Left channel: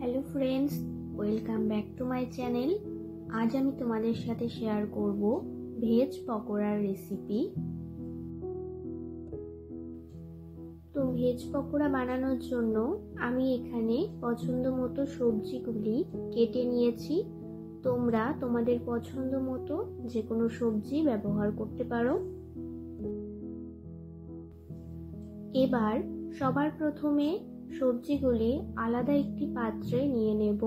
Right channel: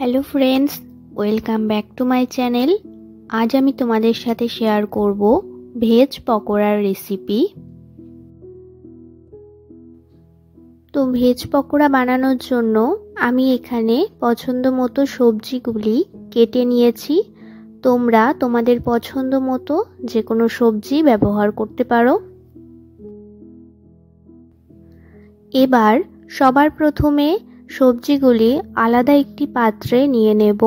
Hello friends, welcome back to my channel. আজ আমি তোমাদের সাথে শেয়ার করব ভেজ পকোড়ার রেসিপি। তো ভেজ পকোড়া বানানোর জন্য আমি এখানে পছন্দ মতো সবজিগুলি কেটে নিয়েছি। তোমরা তোমাদের পছন্দ মতো যে কোনো সবজি ব্যবহার করতে পারো। এবার সবার প্রথমে সবজিগুলি আলাদা একটি পাত্রে নিয়ে নেব।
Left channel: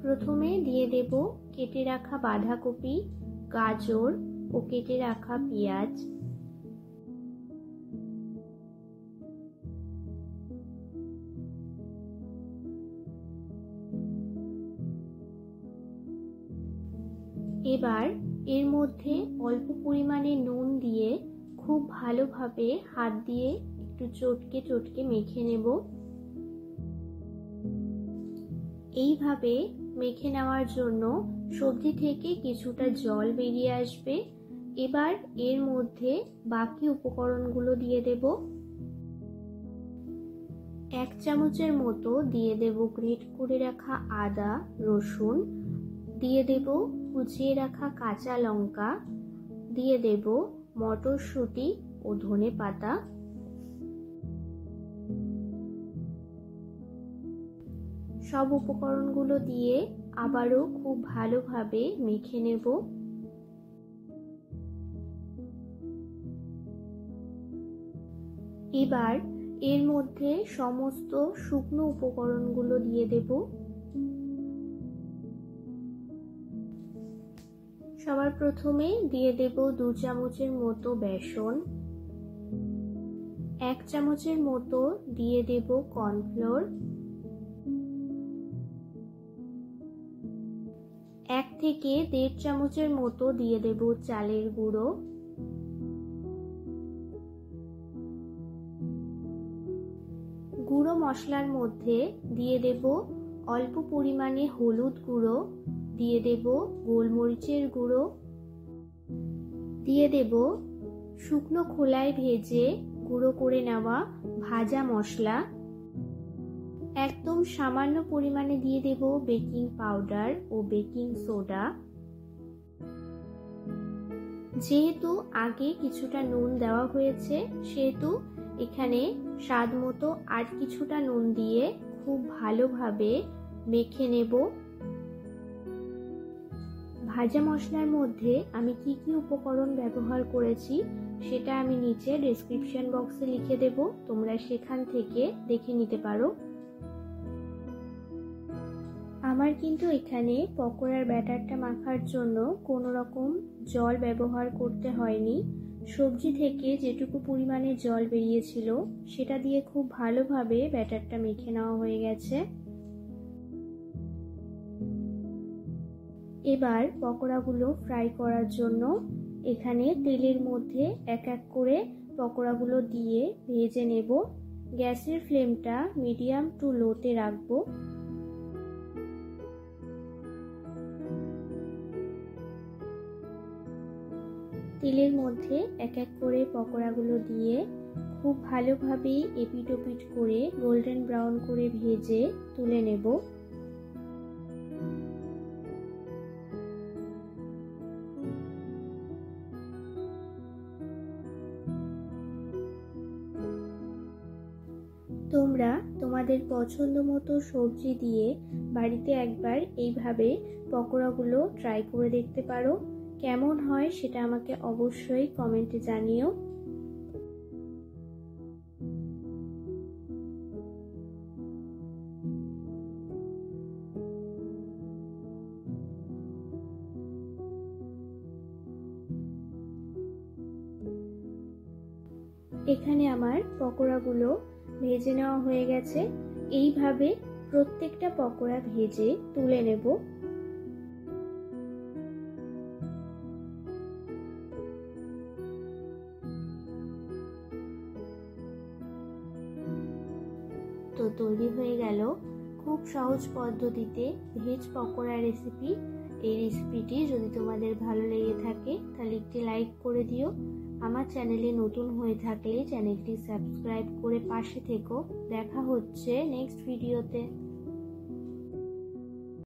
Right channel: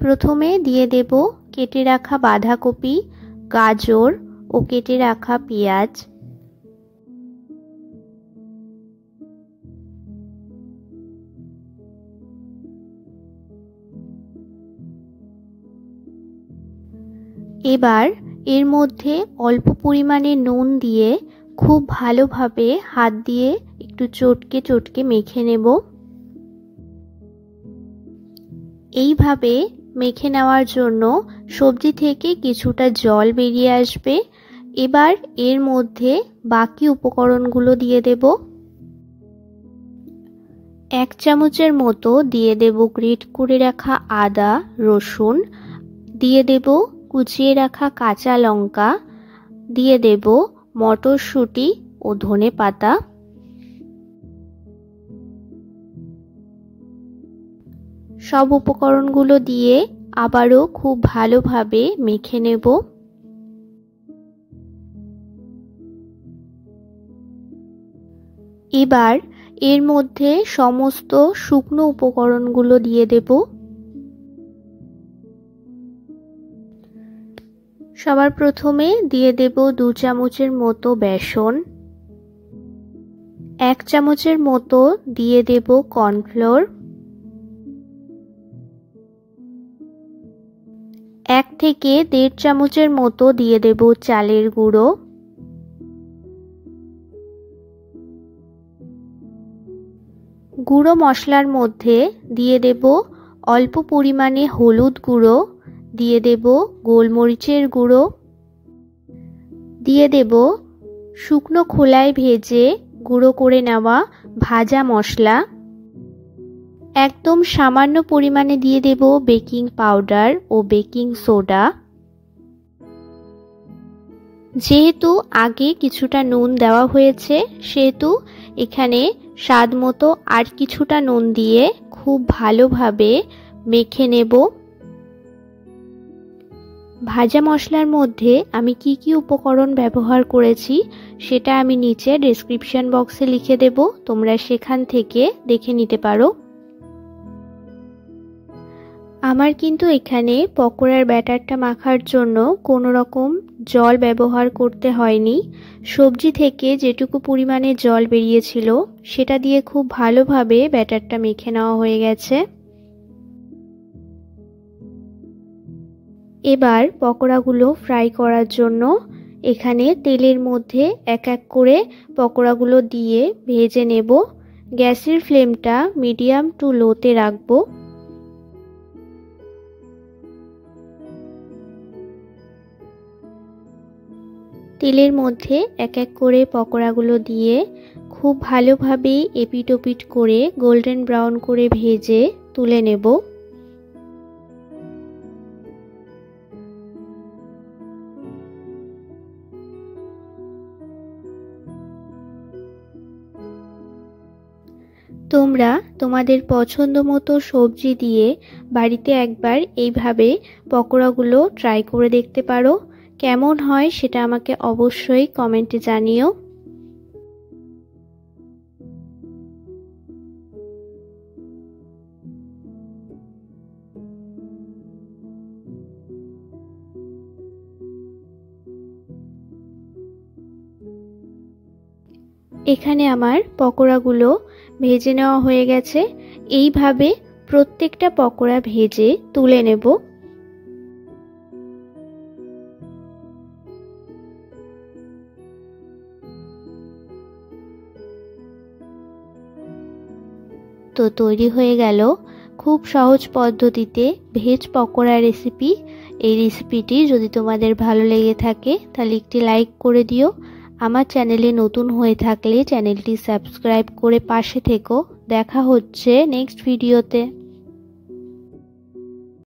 প্রথমে দিয়ে দেব কেটে রাখা বাঁধাকপি, গাজর ও কেটে রাখা পেঁয়াজ। এবার এর মধ্যে অল্প পরিমাণে নুন দিয়ে খুব ভালোভাবে হাত দিয়ে একটু চটকে চটকে মেখে নেব। এইভাবে মেখে নেওয়ার জন্য সবজি থেকে কিছুটা জল বেরিয়ে আসবে। এবার এর মধ্যে বাকি উপকরণগুলো দিয়ে দেব। 1 চামচের মতো দিয়ে দেব গ্রেট করে রাখা আদা রসুন, দিয়ে দেব কুচিয়ে রাখা কাঁচা লঙ্কা, দিয়ে দেব মটরশুঁটি ও ধনেপাতা। সব উপকরণগুলো দিয়ে আবারও খুব ভালোভাবে মেখে নেব। এবার এর মধ্যে সমস্ত শুকনো উপকরণগুলো দিয়ে দেব। সবার প্রথমে দিয়ে দেব 2 চামচের মতো বেসন, 1 চামচের মতো দিয়ে দেব কর্নফ্লোর, 1 থেকে 1.5 চামচের মতো দিয়ে দেব চালের গুঁড়ো, গুঁড়ো মশলার মধ্যে দিয়ে দেব অল্প পরিমাণে হলুদ গুঁড়ো, দিয়ে দেব গোলমরিচের গুঁড়ো, দিয়ে দেব শুকনো খোলায় ভেজে গুঁড়ো করে নেওয়া ভাজা মশলা, একদম সামান্য পরিমাণে দিয়ে দেব বেকিং পাউডার ও বেকিং সোডা। যেহেতু আগে কিছুটা নুন দেওয়া হয়েছে সেহেতু এখানে স্বাদ মতো আর কিছুটা নুন দিয়ে খুব ভালোভাবে মেখে নেব। ভাজা মশলার মধ্যে আমি কি কি উপকরণ ব্যবহার করেছি সেটা আমি নিচে ডেসক্রিপশন বক্সে লিখে দেব, তোমরা সেখান থেকে দেখে নিতে পারো। আমার কিন্তু এখানে পকোড়ার ব্যাটারটা মাখার জন্য কোনো রকম জল ব্যবহার করতে হয়নি। সবজি থেকে যেটুকু পরিমাণে জল বেরিয়েছিল সেটা দিয়ে খুব ভালোভাবে ব্যাটারটা মেখে নেওয়া হয়ে গেছে। এবার পকোড়াগুলো ফ্রাই করার জন্য এখানে তেলের মধ্যে এক এক করে পকোড়াগুলো দিয়ে ভেজে নেব। গ্যাসের ফ্লেমটা মিডিয়াম টু লোতে রাখবো। তেলের মধ্যে এক এক করে পকোড়াগুলো দিয়ে খুব ভালোভাবে এপিট ওপিট করে গোল্ডেন ব্রাউন করে ভেজে তুলে নেব। তোমরা তোমাদের পছন্দ মতো সবজি দিয়ে বাড়িতে একবার এইভাবে পকোড়াগুলো ট্রাই করে দেখতে পারো। কেমন হয় সেটা আমাকে অবশ্যই কমেন্টে জানিও। এখানে আমার পকোড়াগুলো ভেজে নেওয়া হয়ে গেছে। এইভাবে প্রত্যেকটা পকোড়া ভেজে তুলে নেব। তো তৈরি হয়ে গেল খুব সহজ পদ্ধতিতে ভেজ পকোড়া রেসিপি। এই রেসিপিটি যদি তোমাদের ভালো লেগে থাকে তাহলে একটি লাইক করে দিও। আমার চ্যানেলে নতুন হয়ে থাকলে চ্যানেলটি সাবস্ক্রাইব করে পাশে থেকো। দেখা হচ্ছে নেক্সট ভিডিওতে।